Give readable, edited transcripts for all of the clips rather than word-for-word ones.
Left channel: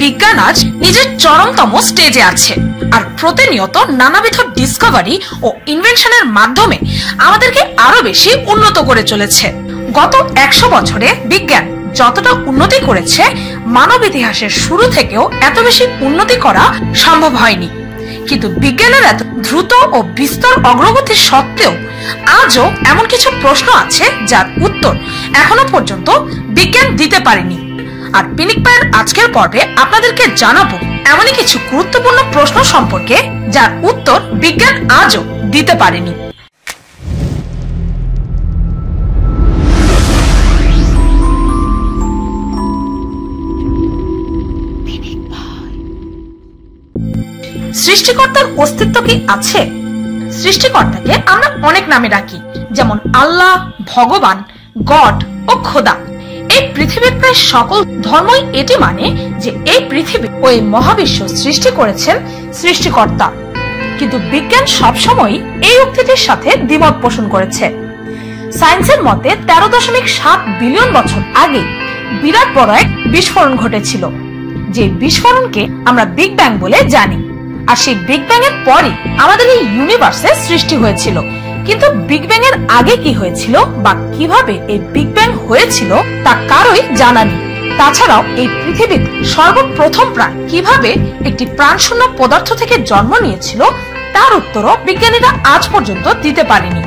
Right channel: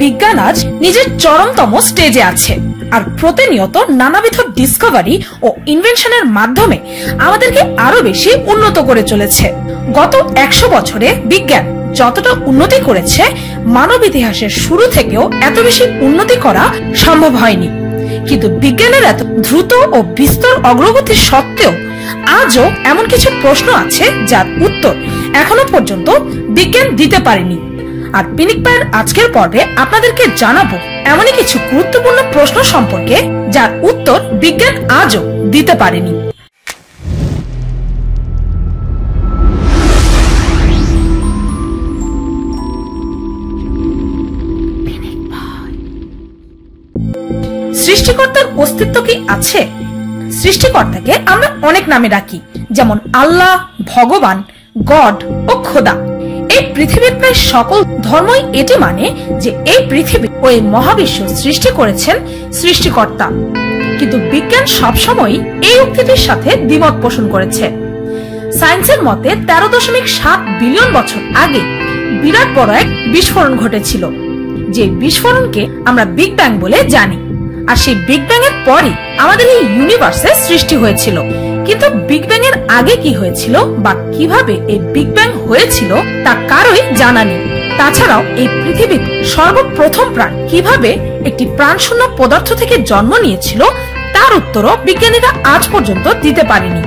বিজ্ঞান আজ নিজের চরমতম স্টেজে আছে, আর প্রতিনিয়ত নানাবিধ ডিসকভারি ও ইনভেনশনের মাধ্যমে আমাদেরকে আরো বেশি উন্নত করে চলেছে। গত 100 বছরে বিজ্ঞান যতটা উন্নতি করেছে, মানব ইতিহাসের শুরু থেকেও এত বেশি উন্নতি করা সম্ভব হয়নি। কিন্তু বিজ্ঞানের এত দ্রুত ও বিস্তর অগ্রগতি সত্ত্বেও আজও এমন কিছু প্রশ্ন আছে যার উত্তর এখনো পর্যন্ত বিজ্ঞান দিতে পারেনি। আর পিনিক পায়ের আজকের পর্বে আপনাদেরকে জানাবো এমনই কিছু গুরুত্বপূর্ণ প্রশ্ন সম্পর্কে যার উত্তর বিজ্ঞান আজও দিতে পারেনি। সৃষ্টিকর্তার অস্তিত্ব কি আছে? সৃষ্টিকর্তাকে আমরা অনেক নামে ডাকি, যেমন আল্লাহ, ভগবান, গড ও খোদা। এই পৃথিবীর প্রায় সকল ধর্মই এটি মানে যে এই পৃথিবী ও এই মহাবিশ্ব সৃষ্টি করেছেন সৃষ্টিকর্তা। কিন্তু বিজ্ঞান সবসময় এই উক্তিটির সাথে দ্বিমত পোষণ করেছে। সায়েন্সের মতে 13.7 বিলিয়ন বছর আগে বিরাট বড় এক বিস্ফোরণ ঘটেছিল, যে বিস্ফোরণকে আমরা বিগ ব্যাং বলে জানি। আর সেই বিগ ব্যাং এর পরে আমাদের এই ইউনিভার্সের সৃষ্টি হয়েছিল। কিন্তু বিগ ব্যাং এর আগে কি হয়েছিল বা কিভাবে এই বিগ ব্যাং হয়েছিল তা কারোই জানা নেই। তাছাড়াও এই পৃথিবীর সর্বপ্রথম প্রাণ কিভাবে একটি প্রাণশূন্য পদার্থ থেকে জন্ম নিয়েছিল তার উত্তরও বিজ্ঞানীরা আজ পর্যন্ত দিতে পারেনি।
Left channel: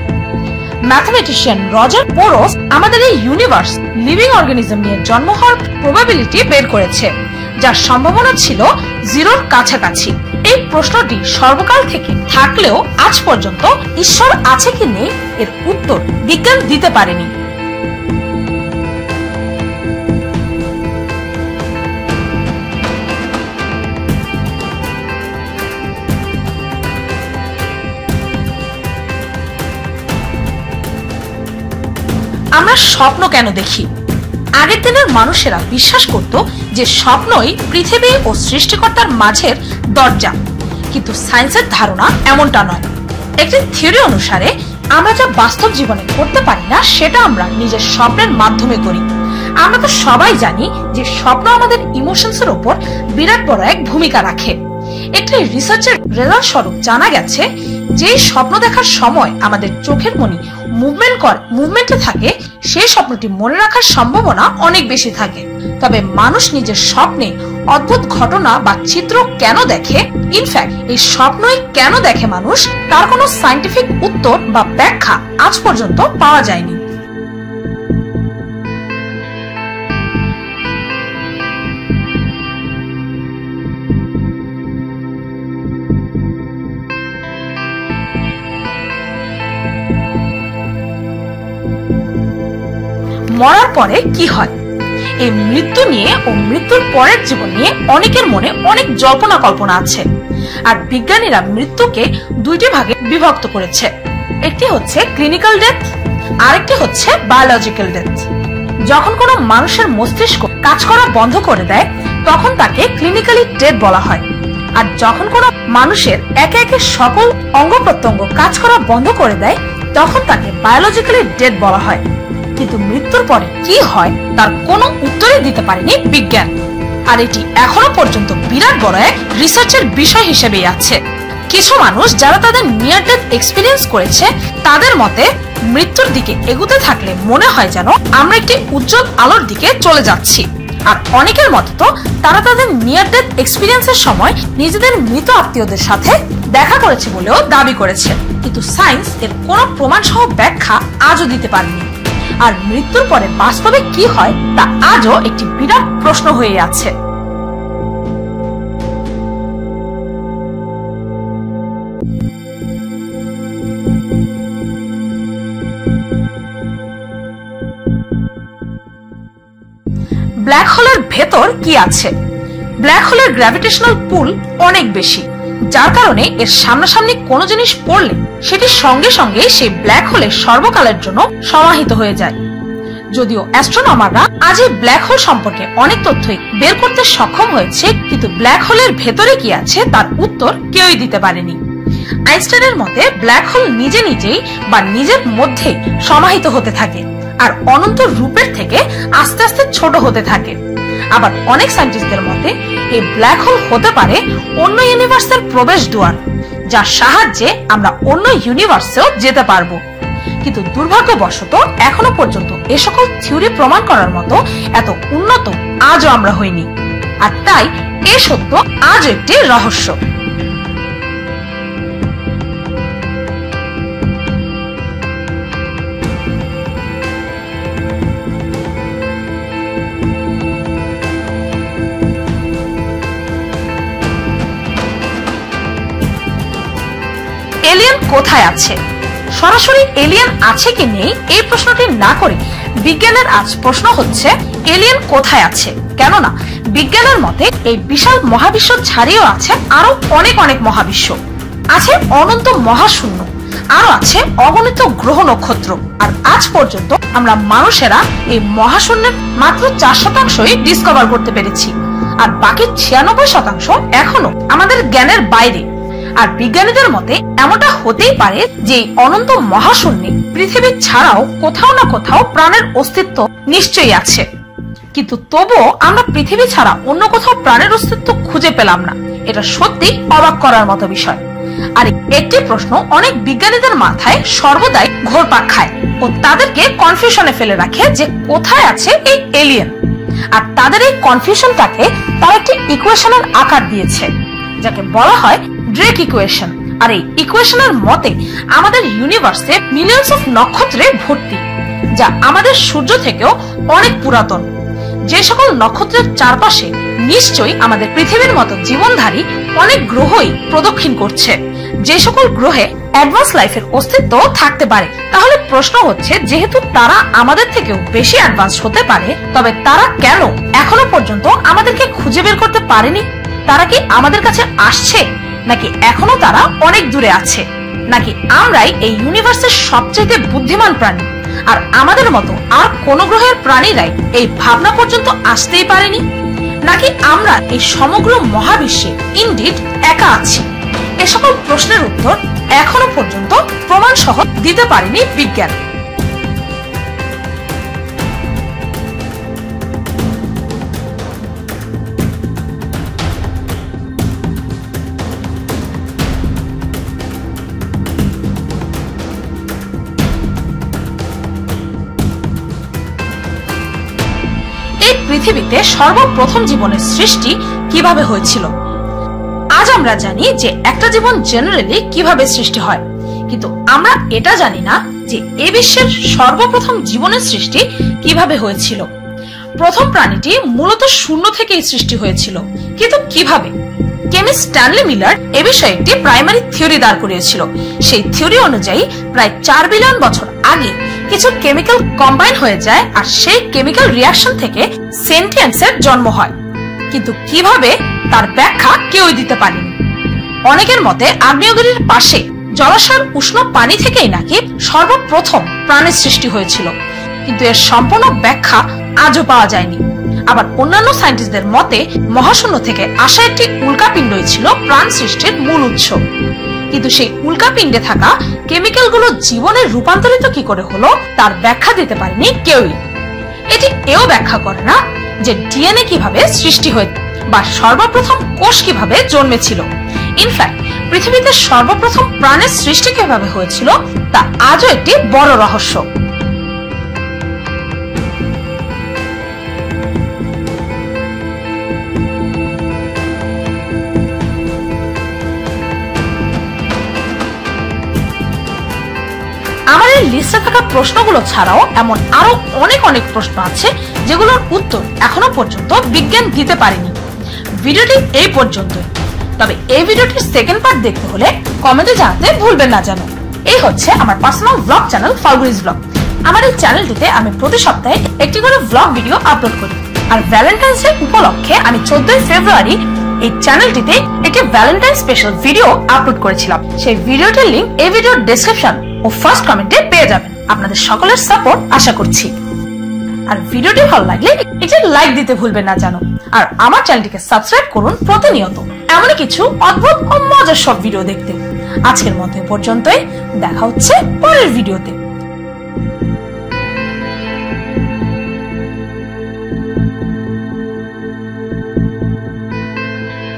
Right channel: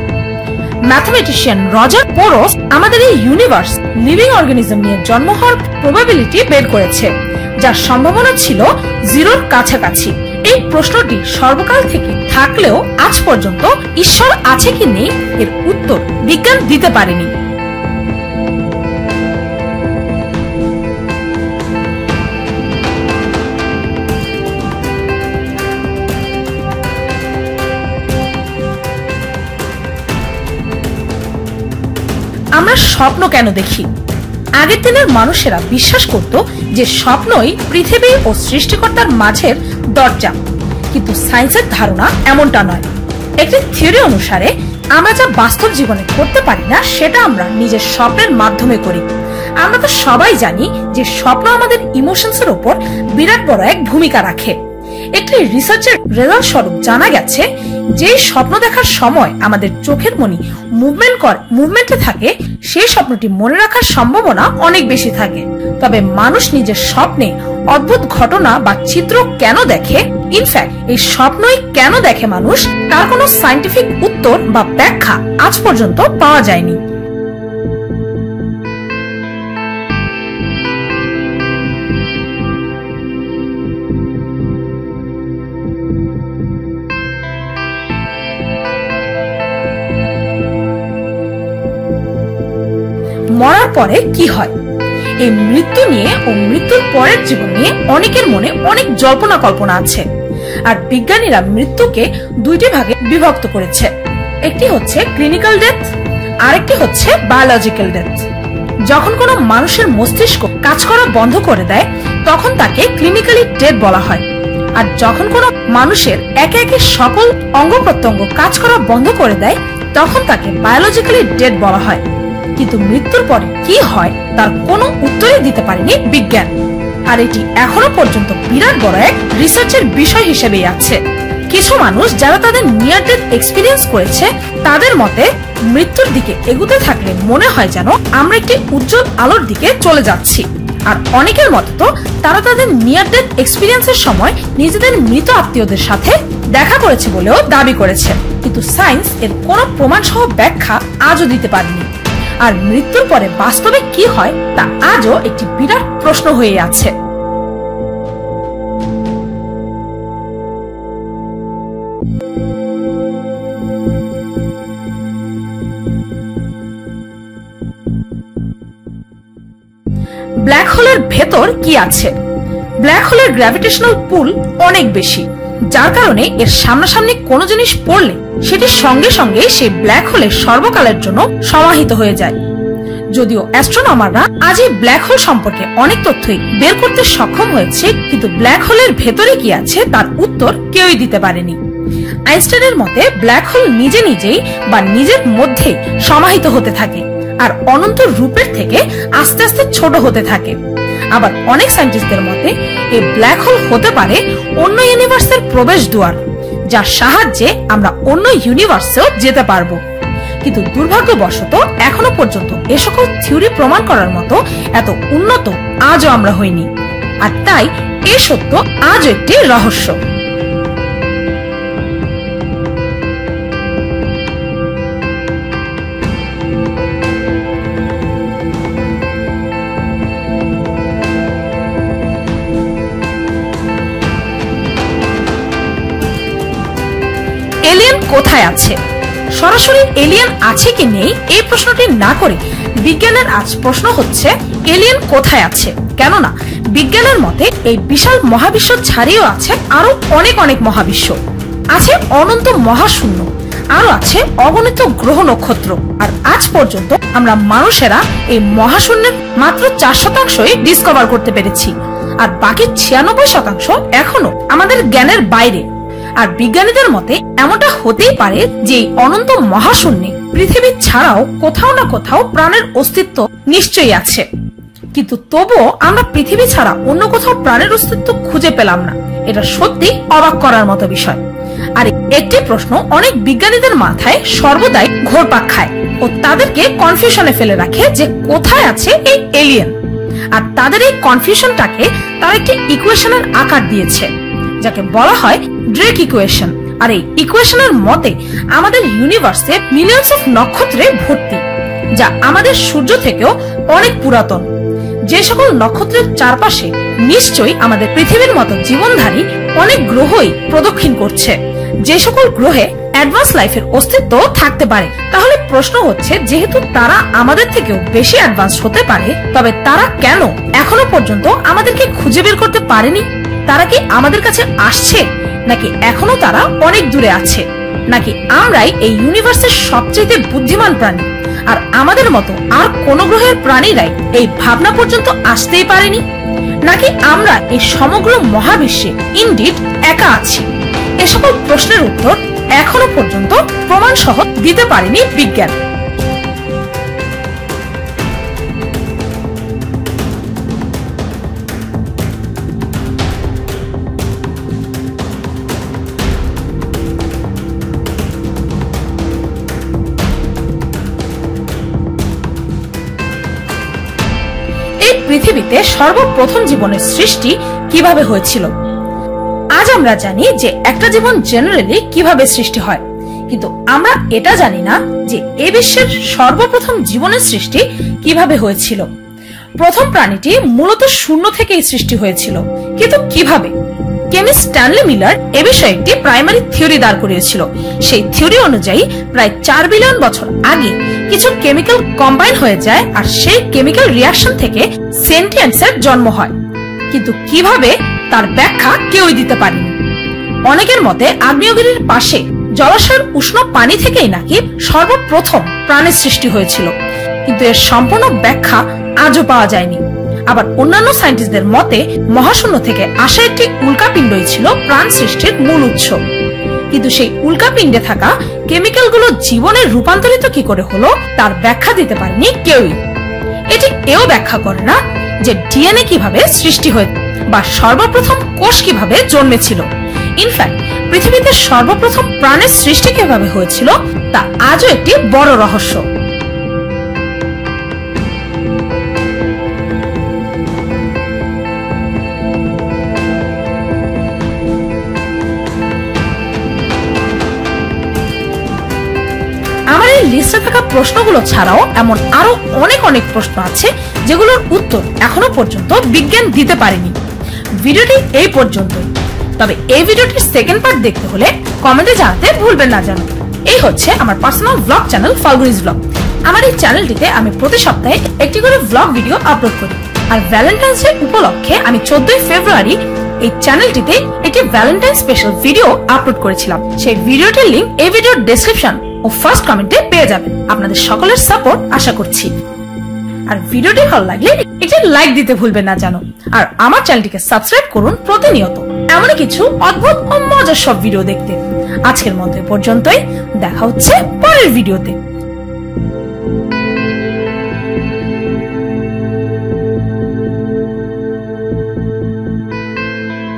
ম্যাথমেটিশিয়ান রজার পোরোস আমাদের এই ইউনিভার্স লিভিং অর্গানিজম নিয়ে জন্ম হওয়ার প্রবাবিলিটি বের করেছে, যার সম্ভাবনা ছিল 0-র কাছাকাছি। এই প্রশ্নটি সর্বকাল থেকে থাকলেও আজ পর্যন্ত ঈশ্বর আছে কি নেই এর উত্তর বিজ্ঞান দিতে পারেনি। আমরা স্বপ্ন কেন দেখি? আগের দিনের মানুষেরা বিশ্বাস করত যে স্বপ্নই পৃথিবী ও সৃষ্টিকর্তার মাঝের দরজা, কিন্তু সায়েন্সের ধারণা এমনটা নয়। একটি থিওরি অনুসারে আমরা যা বাস্তব জীবনে করতে পারি না সেটা আমরা নিজের স্বপ্নের মাধ্যমে করি। আমরা তো সবাই জানি যে স্বপ্ন আমাদের ইমোশনস এর উপর বিরাট বড় এক ভূমিকা রাখে। একটি রিসার্চের রেজাল্ট স্বরূপ জানা গেছে যে স্বপ্ন দেখার সময় আমাদের চোখের মনি মুভমেন্টে থাকে, সেই স্বপ্নটি মনে রাখার সম্ভাবনা অনেক বেশি থাকে। তবে মানুষ নিজের স্বপ্নে অদ্ভুত ঘটনা বা চিত্র কেন দেখে, ইনফ্যাক্ট এই স্বপ্নই কেন দেখে মানুষ, তার কোনো সায়েন্টিফিক উত্তর বা ব্যাখ্যা আজ পর্যন্ত পাওয়া যায়নি। মরার পরে কি হয়? এই মৃত্যু নিয়ে ও মৃত্যুর পরের জীবন নিয়ে অনেকের মনে অনেক জল্পনা কল্পনা আছে। আর বিজ্ঞানীরা মৃত্যুকে দুইটি ভাগে বিভক্ত করেছে। একটি হচ্ছে ক্লিনিক্যাল ডেথ, আরেকটি হচ্ছে বায়োলজিক্যাল ডেথ। যখন কোনো মানুষের মস্তিষ্ক কাজ করা বন্ধ করে দেয় তখন তাকে ক্লিনিক্যালি ডেড বলা হয়। আর যখন কোনো মানুষের একে একে সকল অঙ্গ প্রত্যঙ্গ কাজ করা বন্ধ করে দেয় তখন তাকে বায়োলজিক্যালি ডেড বলা হয়। কিন্তু মৃত্যুর পরে কি হয় তার কোনো উত্তরই দিতে পারেনি বিজ্ঞান। আর এটি এখনো পর্যন্ত বিরাট বড় এক রিসার্চের বিষয় হিসেবেই আছে। কিছু মানুষ যারা তাদের নিয়ার ডেথ এক্সপিরিয়েন্স করেছে তাদের মতে মৃত্যুর দিকে এগুতে থাকলে মনে হয় যেন আমরা একটি উজ্জ্বল আলোর দিকে চলে যাচ্ছি। আর অনেকের মতে তো তারা তাদের নিয়ার ডেথ এক্সপিরিয়েন্সের সময় নিজেদের মৃত আত্মীয়দের সাথে দেখা করেছে বলেও দাবি করেছে। কিন্তু সায়েন্স এর কোনো প্রমাণ সহ ব্যাখ্যা আজও দিতে পারেনি। আর মৃত্যুর পরে বাস্তবে কি হয় তা আজও একটি বিরাট প্রশ্ন হয়ে আছে। ব্ল্যাক হোলের ভেতর কি আছে? ব্ল্যাক হোলের গ্র্যাভিটেশনাল পুল অনেক বেশি, যার কারণে এর সামনাসামনি কোনো জিনিস পড়লে সেটি সঙ্গে সঙ্গে সেই ব্ল্যাক হোলের সর্বকালের জন্য সমাহিত হয়ে যায়। যদিও অ্যাস্ট্রোনমাররা আজ এই ব্ল্যাক হোল সম্পর্কে অনেক তথ্যই বের করতে সক্ষম হয়েছে, কিন্তু ব্ল্যাক হোলের ভেতরে কি আছে তার উত্তর কেউই দিতে পারেনি। আইনস্টাইনের মতে ব্ল্যাক হোল নিজে নিজেই বা নিজের মধ্যে সমাহিত হতে থাকে আর অনন্ত রূপের থেকে আস্তে আস্তে ছোট হতে থাকে। আবার অনেক সায়েন্টিস্টদের মতে এই ব্ল্যাক হোল হতে পারে অন্য ইউনিভার্সের প্রবেশ দুয়ার, যার সাহায্যে আমরা অন্য ইউনিভার্সেও যেতে পারবো। কিন্তু দুর্ভাগ্যবশত এখনো পর্যন্ত এ সকল থিওরি প্রমাণ করার মতো এত উন্নত আজও আমরা হইনি, আর তাই এ সত্য আজ একটি রহস্য। এলিয়েন কোথায় আছে? সরাসরি এলিয়েন আছে কি নেই এই প্রশ্নটি না করে বিজ্ঞানের আজ প্রশ্ন হচ্ছে এলিয়েন কোথায় আছে। কেননা বিজ্ঞানের মতে এই বিশাল মহাবিশ্ব ছাড়িয়েও আছে আরো অনেক অনেক মহাবিশ্ব, আছে অনন্ত মহাশূন্য, আরো আছে অগণিত গ্রহ নক্ষত্র। আর আজ পর্যন্ত আমরা মানুষেরা এই মহাশূন্যের মাত্র 4% ডিসকভার করতে পেরেছি, আর বাকি 96% এখনো আমাদের জ্ঞানের বাইরে। আর বিজ্ঞানীদের মতে এমনটা হতেই পারে যে অনন্ত মহাশূন্যে পৃথিবী ছাড়াও কোথাও না কোথাও প্রাণের অস্তিত্ব নিশ্চয়ই আছে, কিন্তু তবুও আমরা পৃথিবী ছাড়া অন্য কোথাও প্রাণের অস্তিত্ব খুঁজে পেলাম না। এটা সত্যি অবাক করার মতো বিষয়। আর একটি প্রশ্ন অনেক বিজ্ঞানীদের মাথায় সর্বদাই ঘুরপাক খায় ও তাদেরকে কনফিউশনে ফেলে রাখে যে কোথায় আছে এই এলিয়েন। আর তাদের এই কনফিউশনটাকে তারা একটি ইকুয়েশনের আকার দিয়েছে, যাকে বলা হয় ড্রেক ইকুয়েশন। আর এই ইকুয়েশনের মতে আমাদের ইউনিভার্সে মিলিয়নস অফ নক্ষত্রে ভর্তি, যা আমাদের সূর্য থেকেও অনেক পুরাতন। যে সকল নক্ষত্রের চারপাশে নিশ্চয়ই আমাদের পৃথিবীর মতো জীবনধারী অনেক গ্রহই প্রদক্ষিণ করছে, যে সকল গ্রহে অ্যাডভান্স লাইফের অস্তিত্ব থাকতে পারে। তাহলে প্রশ্ন হচ্ছে, যেহেতু তারা আমাদের থেকেও বেশি অ্যাডভান্স হতে পারে, তবে তারা কেন এখনো পর্যন্ত আমাদেরকে খুঁজে বের করতে পারেনি? তারা কি আমাদের কাছে আসছে, নাকি এখনো তারা অনেক দূরে আছে? নাকি আমরাই এই ইউনিভার্সের সবচেয়ে বুদ্ধিমান প্রাণী, আর আমাদের মতো আর কোন গ্রহের প্রাণীরাই এই ভাবনা পর্যন্ত আসতেই পারেনি? নাকি আমরা এই সমগ্র মহাবিশ্বে ইনডিড একা আছি? এ সকল প্রশ্নের উত্তর এখনো পর্যন্ত প্রমাণ সহ দিতে পারেনি বিজ্ঞান। এই পৃথিবীতে সর্বপ্রথম জীবনের সৃষ্টি কিভাবে হয়েছিল? আজ আমরা জানি যে একটা জীবন জেনারেলি কিভাবে সৃষ্টি হয়, কিন্তু আমরা এটা জানি না যে এই বিশ্বের সর্বপ্রথম জীবনের সৃষ্টি কিভাবে হয়েছিল। প্রথম প্রাণীটি মূলত শূন্য থেকেই সৃষ্টি হয়েছিল, কিন্তু কিভাবে? কেমিস্ট স্ট্যানলি মিলার এ বিষয়ে একটি প্রাইমারি থিওরি দাঁড় করিয়েছিল। সেই থিওরি অনুযায়ী প্রায় 4 বিলিয়ন বছর আগে কিছু কেমিক্যাল কম্বাইন হয়ে যায়, আর সেই কেমিক্যাল রিয়াকশন থেকে সেন্টিয়েন্সের জন্ম হয়। কিন্তু কিভাবে তার ব্যাখ্যা কেউই দিতে পারেনি। অনেকের মতে আগ্নেয়গিরির পাশে জলাশয়ের উষ্ণ পানি থেকেই নাকি সর্বপ্রথম প্রাণের সৃষ্টি হয়েছিল, কিন্তু এর সম্পূর্ণ ব্যাখ্যা আজও পাওয়া যায়নি। আবার অন্যান্য সায়েন্টিস্টদের মতে মহাশূন্য থেকে আসা একটি উল্কাপিণ্ডই ছিল প্রাণ সৃষ্টির মূল উৎস, কিন্তু সেই উল্কাপিণ্ডে থাকা কেমিক্যালগুলো জীবনে রূপান্তরিত কি করে হলো তার ব্যাখ্যা দিতে পারেনি কেউই। এটি এও ব্যাখ্যা করে না যে ডিএনএ কিভাবে সৃষ্টি হয়েছে বা সর্বপ্রথম কোষ কিভাবে জন্মেছিল। ইনফ্যাক্ট পৃথিবীতে সর্বপ্রথম প্রাণের সৃষ্টি কিভাবে হয়েছিল তা আজও একটি বড় রহস্য। আমার এই লিস্টে থাকা প্রশ্নগুলো ছাড়াও এমন আরো অনেক অনেক প্রশ্ন আছে যেগুলোর উত্তর এখনো পর্যন্ত বিজ্ঞান দিতে পারেনি। ভিডিওটি এই পর্যন্তই, তবে এই ভিডিওটির সেকেন্ড পার্ট দেখতে হলে কমেন্টে জানাতে ভুলবেন না যেন। এই হচ্ছে আমার পার্সোনাল ব্লগ চ্যানেল ফাল্গুনিস ব্লগ। আমার এই চ্যানেলটিতে আমি প্রতি সপ্তাহে একটি করে ব্লগ ভিডিও আপলোড করি, আর ভ্যালেন্টাইন্স ডে উপলক্ষে আমি 14 ফেব্রুয়ারি এই চ্যানেলটিতে একটি ভ্যালেন্টাইন স্পেশাল ভিডিও আপলোড করেছিলাম। সেই ভিডিওটির লিংক এই ভিডিওর ডেসক্রিপশন ও ফার্স্ট কমেন্টে পেয়ে যাবেন। আপনাদের সকলের সাপোর্ট আশা করছি। আর ভিডিওটি ভালো লাগলে একটি লাইক দিতে ভুলবেন না যেন। আর আমার চ্যানেলটিকে সাবস্ক্রাইব করুন প্রতিনিয়ত এমন কিছু অদ্ভুত ও মজার সব ভিডিও দেখতে। আজকের মতো পর্যন্তই, দেখা হচ্ছে পরের ভিডিওতে।